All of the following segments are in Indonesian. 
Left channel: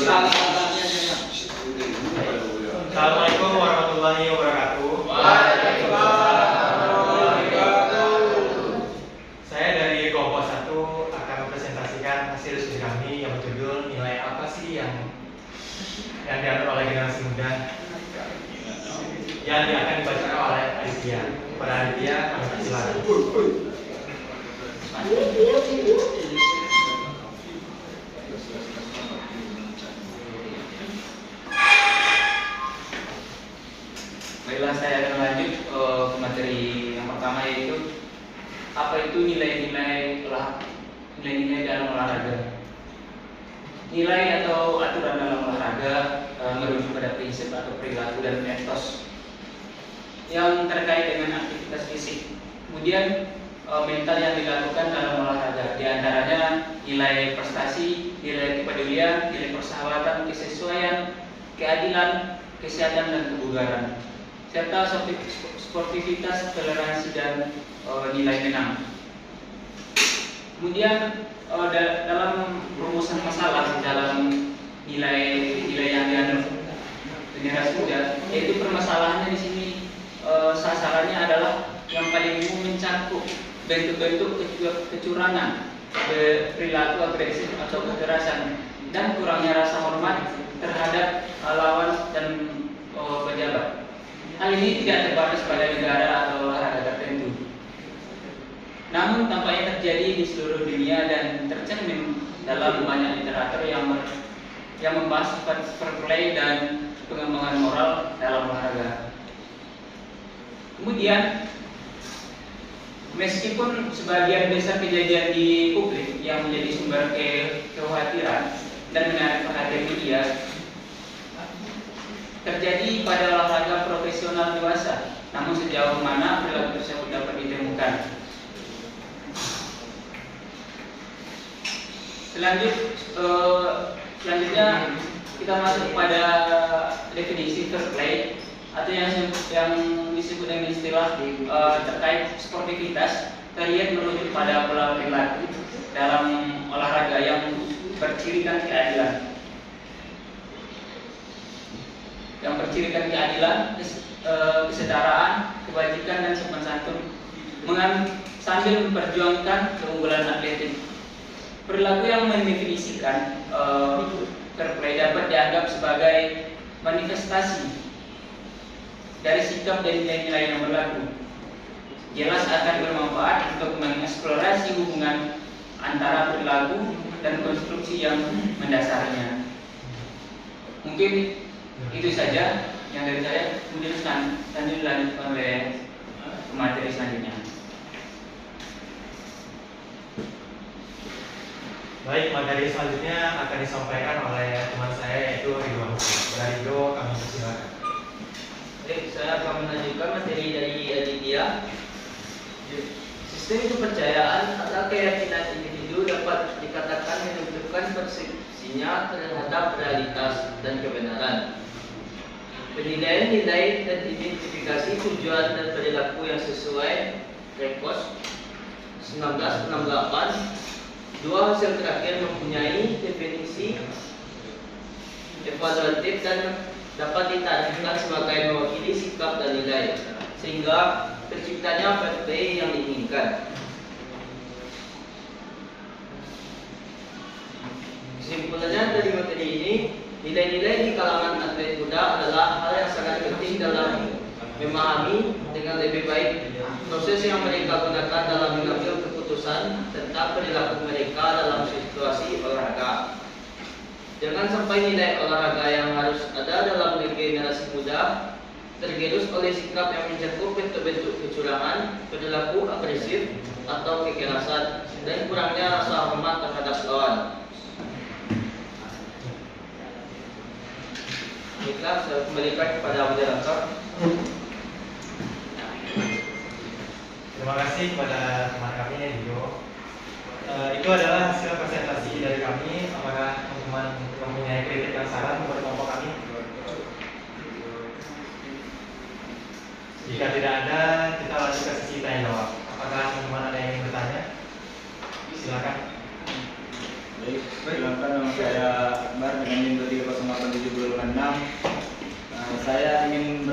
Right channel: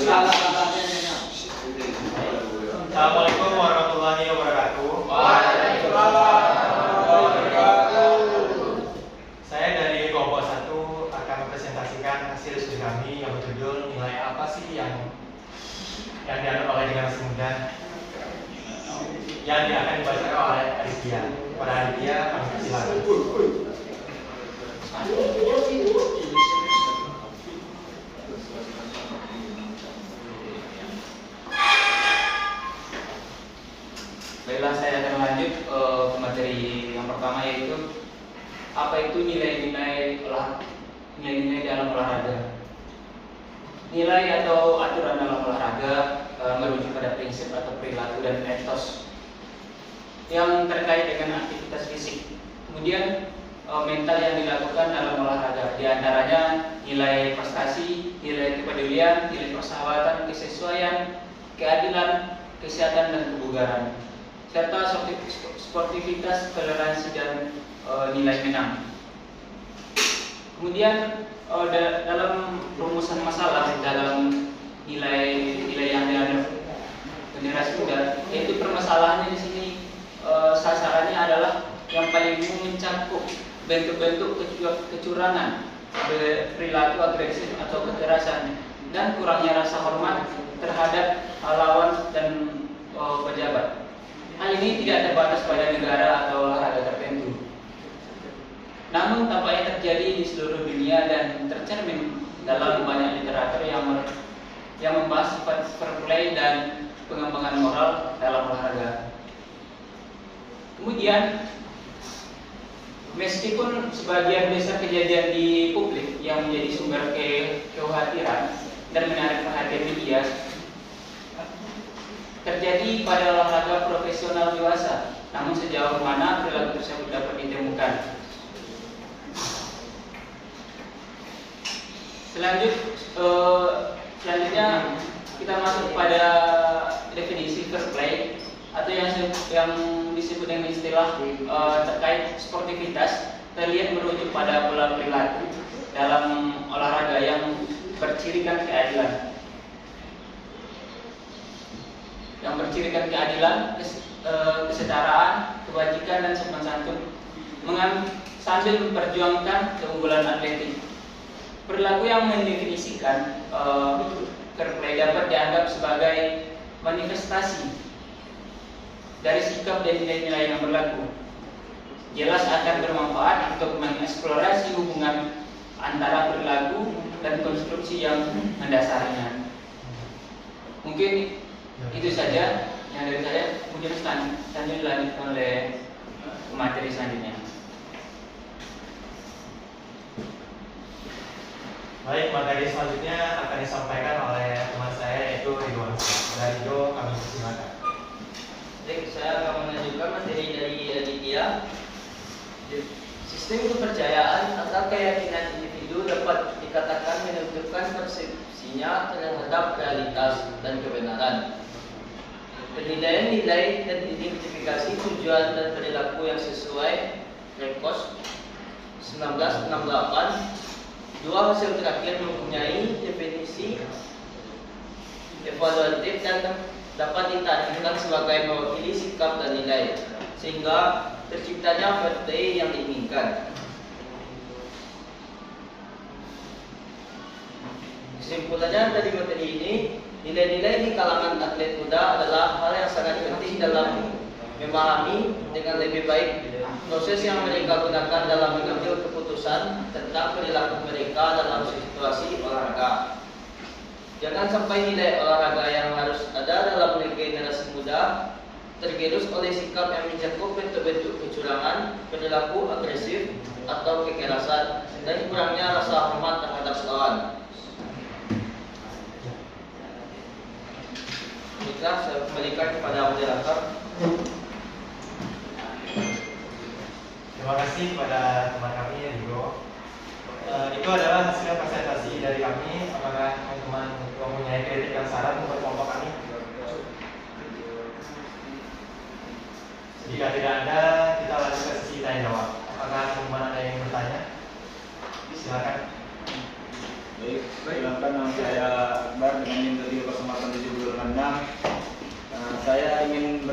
Assalamualaikum warahmatullahi wabarakatuh. Saya dari kelompok 1 akan mempresentasikan hasil studi kami yang berjudul nilai apa sih yang dianut oleh generasi muda, yang akan dibacakan oleh Aditya. Pada Aditya, kami persilakan. Baiklah, saya akan lanjut ke materi yang pertama, yaitu apa itu nilai-nilai dalam olahraga. Nilai atau aturan dalam olahraga merujuk pada prinsip atau perilaku dan etos yang terkait dengan aktivitas fisik. Kemudian mental yang dilakukan dalam olahraga, di antaranya nilai prestasi, nilai kepedulian, nilai persahabatan, kesesuaian, keadilan, kesehatan dan kebugaran, serta sportivitas, toleransi dan nilai menang. Kemudian dalam rumusan masalah dalam nilai yang dianut generasi muda, yaitu permasalahannya di sini sasarannya adalah yang paling umum mencakup bentuk-bentuk kecurangan, perilaku agresif atau kekerasan, dan kurangnya rasa hormat terhadap lawan dan pejabat. Hal ini tidak terbatas pada negara atau olahraga tertentu, namun tampaknya terjadi di seluruh dunia dan tercermin dalam banyak literatur yang membahas sifat fair play dan pengembangan moral dalam olahraga. Kemudian, meskipun sebagian besar kejadian di publik yang menjadi sumber kekhawatiran dan menarik perhatian media terjadi pada olahraga profesional dewasa, namun sejauh mana perilaku tersebut dapat ditemukan? Selanjutnya kita masuk pada definisi fair play atau yang disebut dengan istilah terkait sportivitas. Terlihat merujuk pada pola perilaku dalam olahraga yang bercirikan keadilan, kesetaraan, kebajikan dan sopan santun, sambil memperjuangkan keunggulan atletik. Perilaku yang mendefinisikan fair play dapat dianggap sebagai manifestasi dari sikap dan nilai-nilai yang berlaku. Jelas akan bermanfaat untuk mengeksplorasi hubungan antara perilaku dan konstruksi yang mendasarnya. Mungkin itu saja yang dari saya. Kemudian lanjutkan oleh materi selanjutnya. Baik, materi selanjutnya akan disampaikan oleh teman saya, yaitu Ridwan. Dari Ridho, kami persilakan. Baik, saya akan melanjutkan materi dari Aditya. Sistem kepercayaan atau keyakinan individu dapat dikatakan menentukan persepsinya terhadap realitas dan kebenaran. Penilaian-nilai dan identifikasi tujuan dan perilaku yang sesuai Rekos 1968. Dua hasil terakhir mempunyai definisi evaluatif dan dapat ditarifkan sebagai mewakili sikap dan nilai, sehingga terciptanya fair play yang diinginkan. Kesimpulannya dari materi ini, nilai-nilai di kalangan atlet muda adalah hal yang sangat penting dalam memahami dengan lebih baik proses yang mereka gunakan dalam mengambil keputusan tentang perilaku mereka dalam situasi olahraga. Jangan sampai nilai olahraga yang harus ada dalam generasi muda tergerus oleh sikap yang mencakup bentuk-bentuk kecurangan, perilaku agresif atau kekerasan, dan kurangnya rasa hormat terhadap lawan. Baiklah, saya kembalikan kepada moderator. Terima kasih kepada teman kami Ridho. Itu adalah hasil presentasi dari kami. Apakah teman-teman mempunyai kritik dan saran untuk kelompok kami? Jika tidak ada, kita lanjut ke sesi tanya jawab. Apakah teman-teman ada yang ingin bertanya? Silakan. Baik, silakan. Nama saya Akbar dengan NIM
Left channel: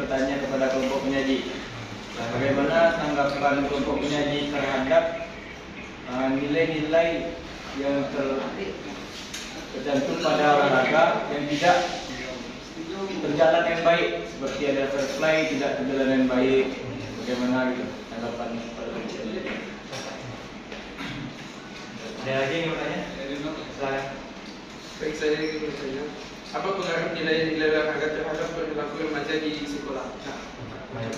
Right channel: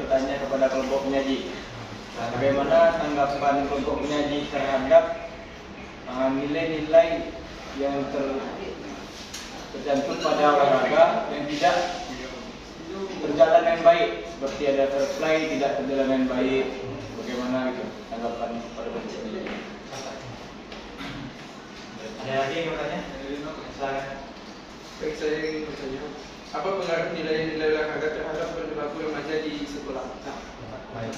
bertanya kepada kelompok penyaji, bagaimana tanggapan kelompok penyaji terhadap nilai-nilai yang tercantum pada olahraga yang tidak berjalan dengan baik, seperti ada fair play tidak berjalan dengan baik, bagaimana gitu tanggapan pada kelompok ini? Ada lagi yang mau tanya? Silakan. Baik, saya ingin bertanya, apa pengaruh nilai-nilai olahraga terhadap perilaku remaja di sekolah? Nah, Baik.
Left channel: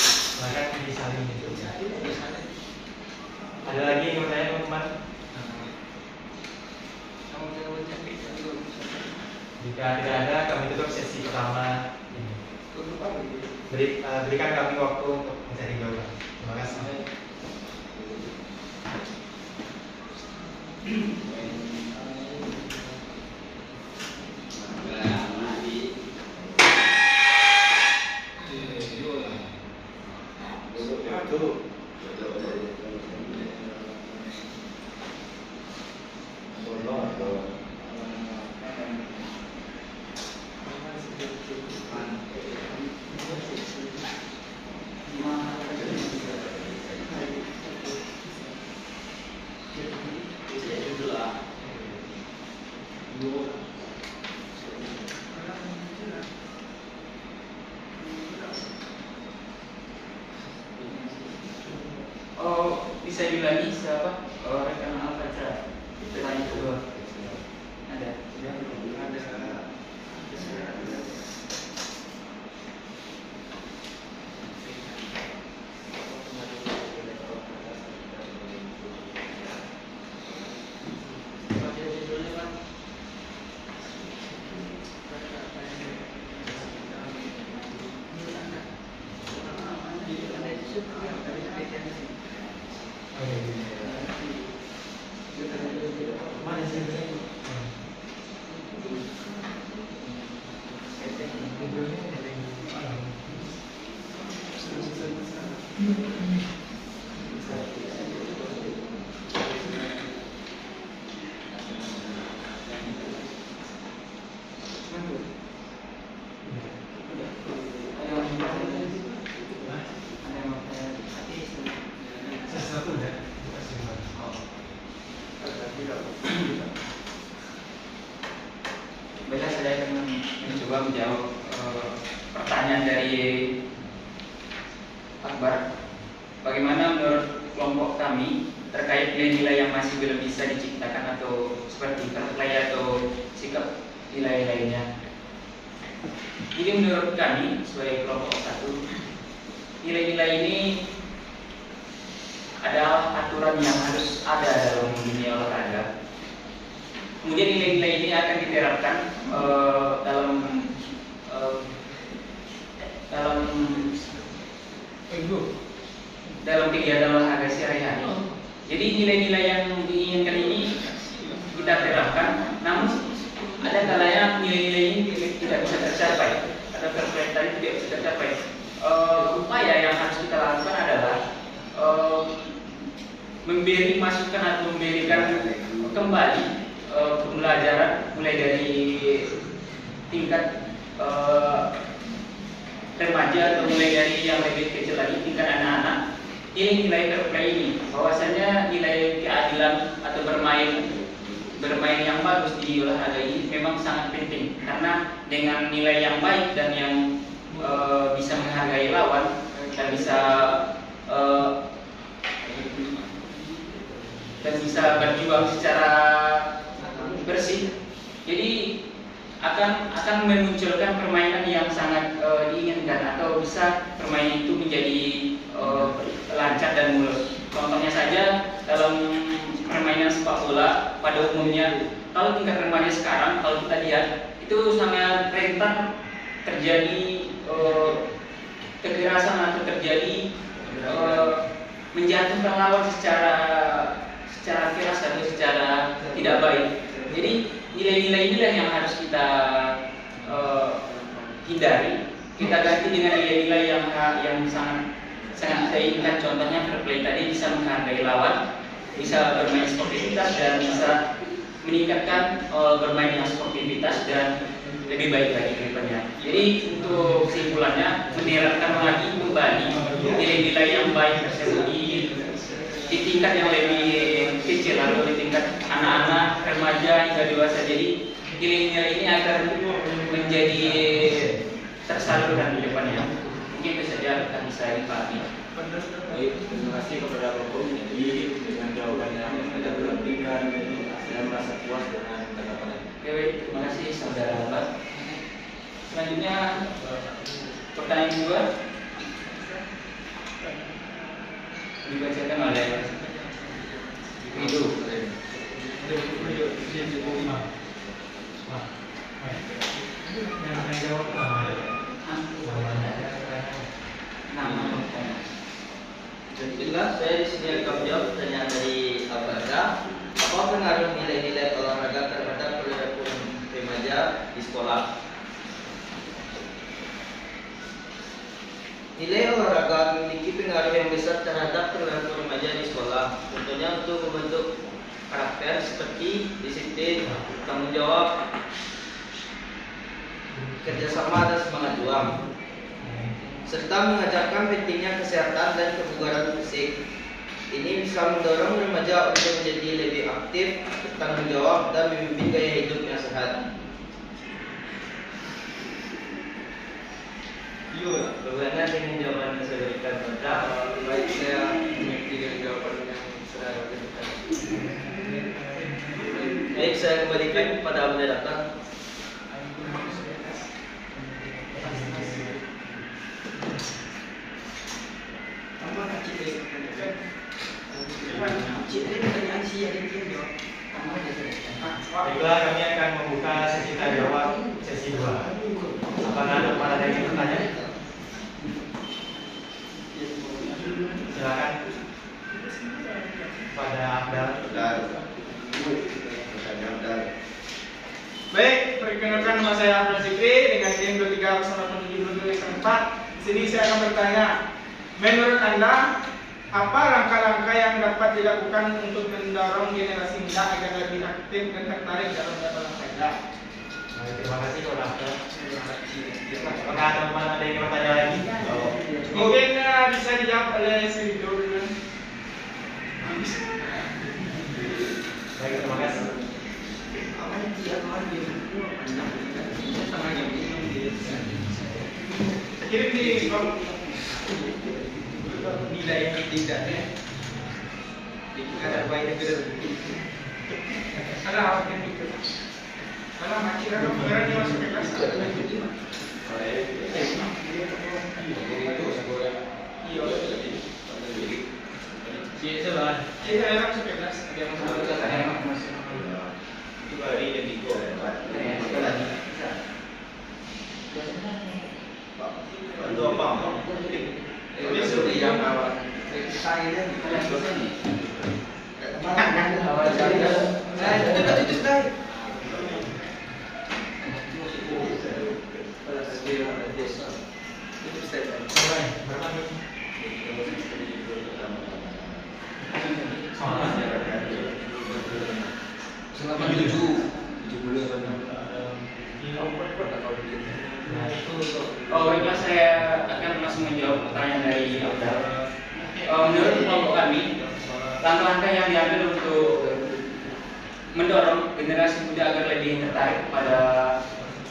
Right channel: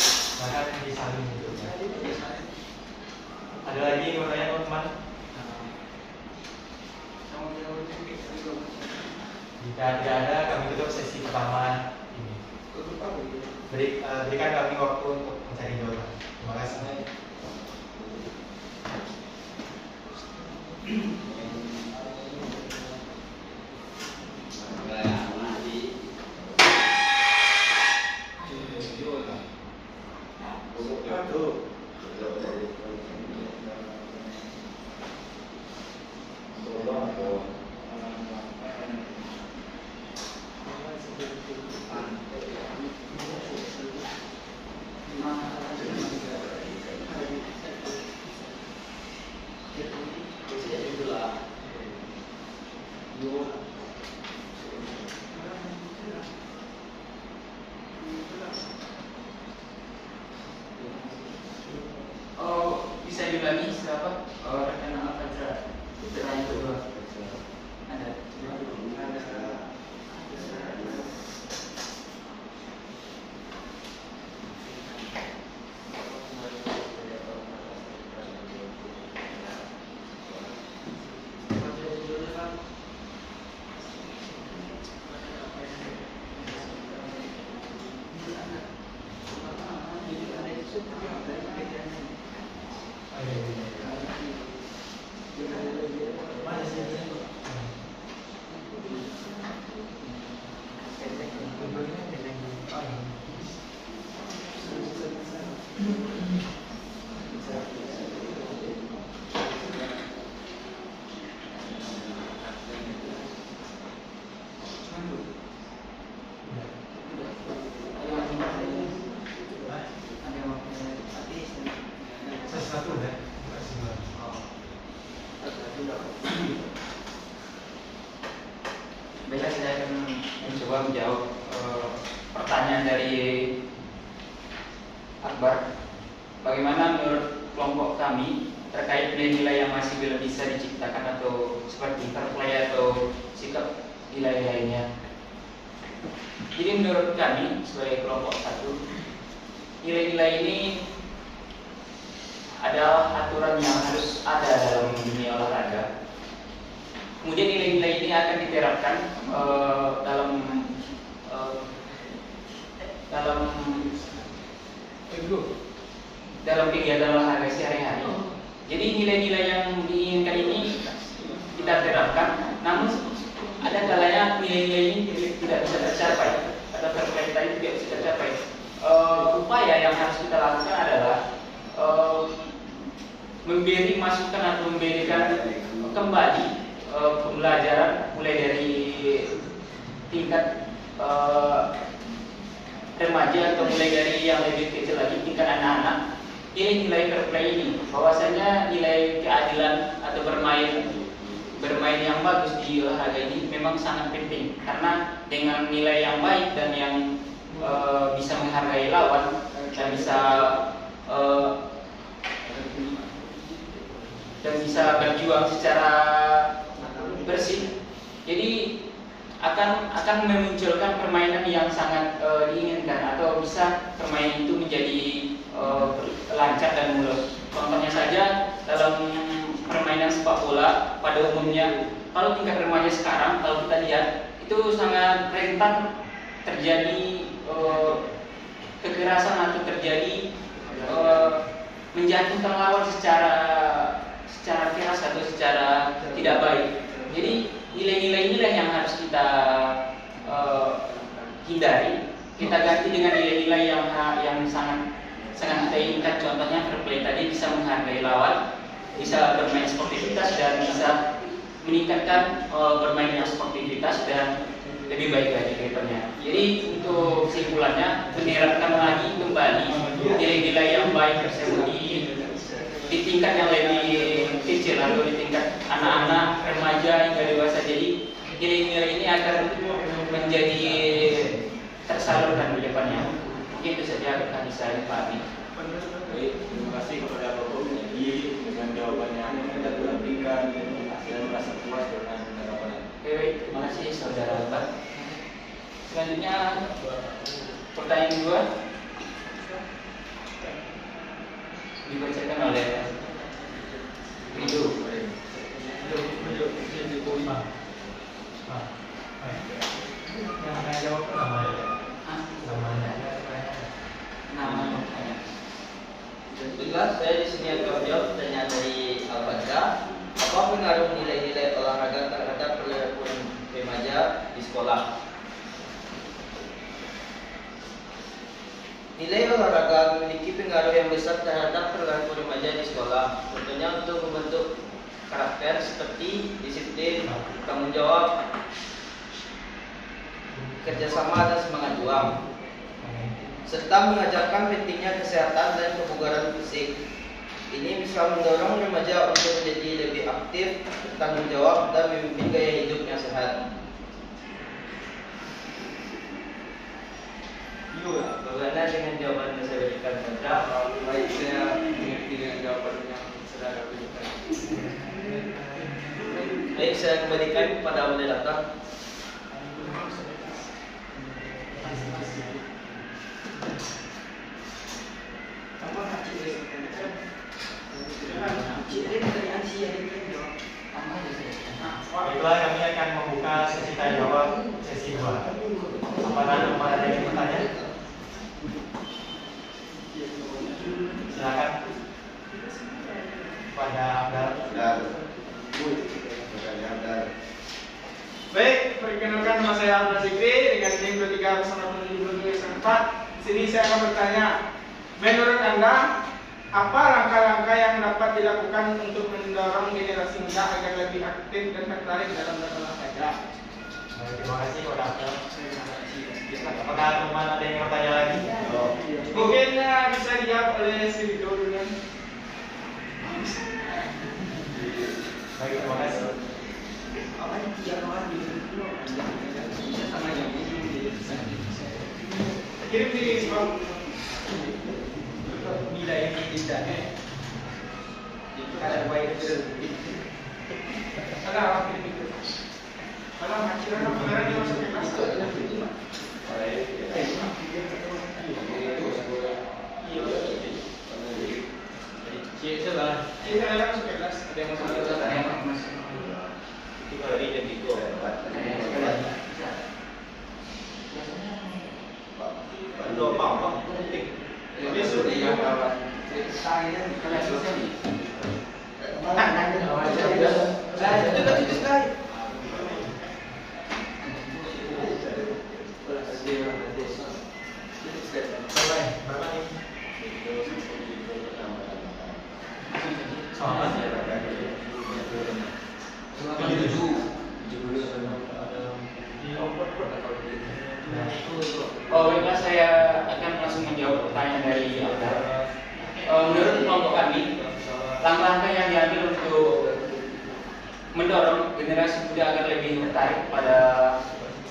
Silakan disalin gitu. Ada lagi yang mau tanya teman-teman? Jika tidak ada, kami tutup sesi pertama ini. Berikan kami waktu untuk mencari jawaban. Terima kasih. Oh, bisa diulangi siapa? Oh, rekan apa acara? Nah, itu ada. Mana sih? Sesuatu udah. Baiklah, saya akan mencoba menjawab pertanyaan dari Akbar. Bagaimana menurut kelompok kami terkait nilai-nilai yang masih belum bisa diciptakan atau seperti fair play atau sikap nilai lainnya? Jadi menurut kami sebagai kelompok satu, nilai-nilai ini adalah aturan yang harus ada dalam dunia olahraga. Kemudian nilai-nilai ini akan diterapkan dalam kegiatan olahraga sehari-hari. Jadi nilai-nilai yang diinginkan ini kita terapkan, namun ada kalanya nilai-nilai ini tidak bisa tercapai atau tercapai tadi tidak bisa tercapai. Upaya yang harus kita lakukan adalah memberi masukan atau memberikan kembali pembelajaran mulai dari tingkat remaja atau mulai dari yang lebih kecil lagi tingkat anak-anak, ini nilai fair play ini, bahwasanya nilai keadilan atau bermain yang bagus di olahraga ini memang sangat penting, karena dengan nilai yang baik dan yang bisa menghargai lawan dan bisa berjuang secara bersih, jadi akan memunculkan permainan yang sangat diinginkan, atau bisa permainan itu menjadi lancar dan mulus. Contohnya saja dalam permainan sepak bola pada umumnya, kalau tingkat remaja sekarang kalau kita lihat itu sangat rentan terjadi kekerasan atau terjadi menjatuhkan lawan secara keras atau secara tidak baik. Jadi nilai-nilai inilah yang harus kita hindari. Kita ganti dengan nilai-nilai yang sangat kita inginkan. Contohnya fair play tadi, bisa menghargai lawan, bisa bermain sportivitas, dan bisa meningkatkan bermainnya sportivitas dan lebih baik lagi ke depannya. Jadi untuk kesimpulannya, menerapkan lagi kembali nilai-nilai yang baik tersebut di tingkat yang lebih kecil atau di tingkat anak-anak, remaja hingga dewasa. Jadi nilai-nilai ini akan menjadi tersalurkan di depannya. Mungkin itu saja tadi saya pahami. Baik, terima kasih kepada Bapak Uji dengan jawabannya yang tidak berhentikan. Saya merasa puas dengan tanggapannya. Oke, terima kasih saudara Albat. Selanjutnya pertanyaan kedua dibacakan oleh Ridho. Yang akan jawab pertama. Nama Baiklah, saya di sini akan menjawab pertanyaan dari Al-Badra. Apa pengaruh nilai-nilai olahraga terhadap perilaku remaja di sekolah? Nilai olahraga memiliki pengaruh yang besar terhadap perilaku remaja di sekolah. Tentunya untuk membentuk karakter seperti disiplin, tanggung jawab, kerjasama dan semangat juang, serta mengajarkan pentingnya kesehatan dan kebugaran fisik. Ini bisa mendorong remaja untuk menjadi lebih aktif, bertanggung jawab, dan memimpin gaya hidup yang sehat. Bagaimana dengan jawaban yang saya berikan pada Baik, saya mengerti dengan jawaban yang saudara berikan. Baik, saya kembalikan kepada moderator. Baiklah, kami akan membuka sesi tanya jawab sesi 2. Apakah ada yang ingin bertanya? Silakan. Pada Baik, perkenalkan nama saya Abdul Zikri dengan tim 2307 Di sini saya akan bertanya, menurut Anda, apa langkah-langkah yang dapat dilakukan untuk mendorong generasi muda agar lebih aktif dan tertarik dalam berolahraga? Terima kasih kepada Abdul. Apakah teman-teman ada yang mau tanya lagi? Mungkin bisa dijawab oleh si Ridho dulu. Baik, terima kasih. Kirim di Bang. Nilai yang tidak ada baik itu. Kalau awak itu, kalau akhirnya pengeran dia masuk ke kelas. Iya, saya masuk ke kelas. Ada yang masuk ke kelas. Itu hari yang digo ya, Pak. Bantu apa? Dia sudah yang awal. Baiklah, saya akan langsung menjawab pertanyaan dari Abdul. Menurut kelompok kami, langkah-langkah yang diambil untuk mendorong generasi muda agar lebih tertarik pada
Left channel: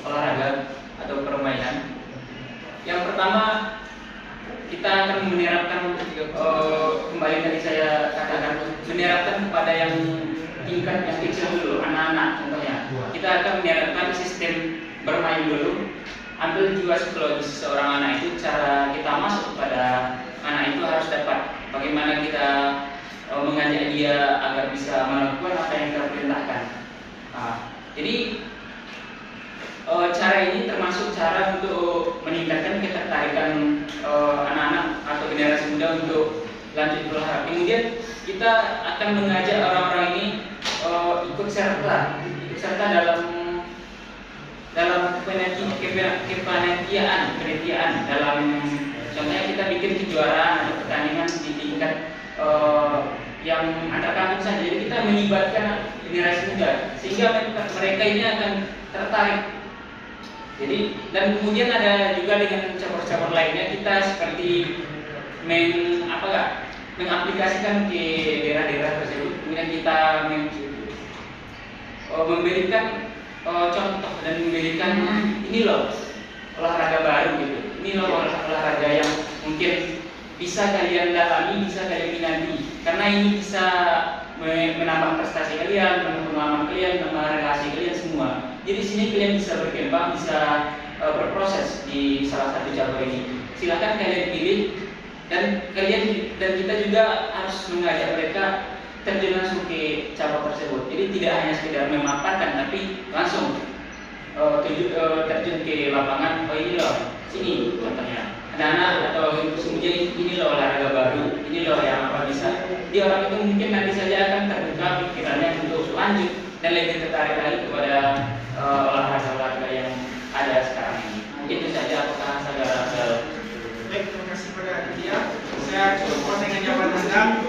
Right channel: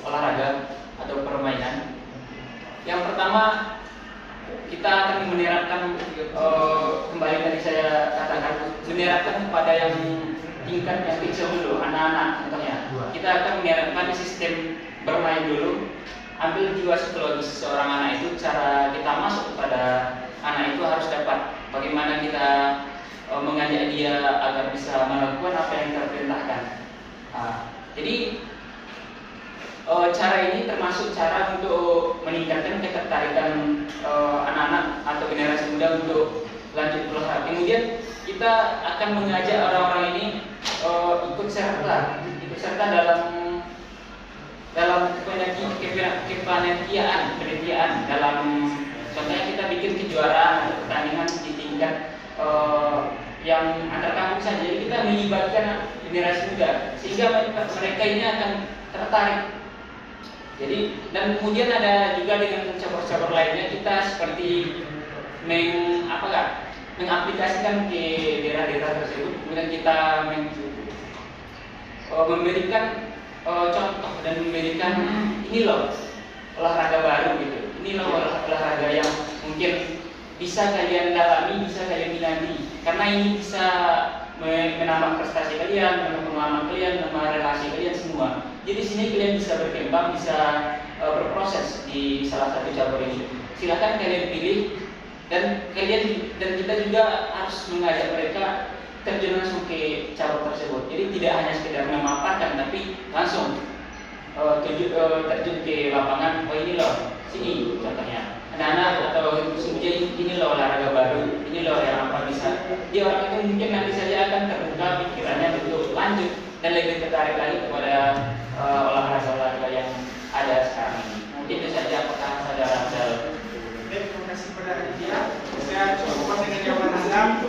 olahraga atau permainan. Yang pertama, kita akan menerapkan kembali tadi saya katakan, menerapkan pada yang tingkat yang kecil dulu, anak-anak contohnya. Kita akan menerapkan sistem bermain dulu. Ambil jiwa psikologis seorang anak itu, cara kita masuk kepada anak itu harus dapat bagaimana kita mengajak dia agar bisa melakukan apa yang kita perintahkan. Jadi cara ini termasuk cara untuk meningkatkan ketertarikan anak-anak atau generasi muda untuk lanjut berolahraga. Kemudian kita akan mengajak orang-orang ini ikut serta dalam kepanitiaan dalam, contohnya kita bikin kejuaraan atau pertandingan di tingkat yang antar kampung saja. Jadi kita melibatkan generasi muda sehingga mereka ini akan tertarik. Jadi dan kemudian ada juga dengan cabur-cabur lainnya kita seperti mengaplikasikan ke daerah-daerah tersebut. Kemudian kita memberikan contoh dan memberikan ini loh olahraga baru gitu. Ini loh olahraga yang mungkin bisa kalian dalami, bisa kalian minati, karena ini bisa menambah prestasi kalian, menambah pengalaman kalian, menambah relasi kalian semua. Jadi sini kalian bisa berkembang, bisa berproses di salah satu cabur ini. Silakan kalian pilih dan kita juga harus mengajak mereka terjun langsung ke cabur tersebut. Jadi tidak hanya sekedar memaparkan, tapi langsung terjun ke lapangan. Oh ini loh, sini contohnya. Anak-anak atau kemudian ini loh olahraga baru, ini loh yang apa bisa. Jadi orang itu mungkin nanti saja akan terbuka pikirannya untuk lanjut dan lebih tertarik lagi kepada olahraga-olahraga yang ada sekarang ini. Itu saja. Apakah saudara Baik, terima kasih kepada dia. Saya cukup dengan jawaban Anda.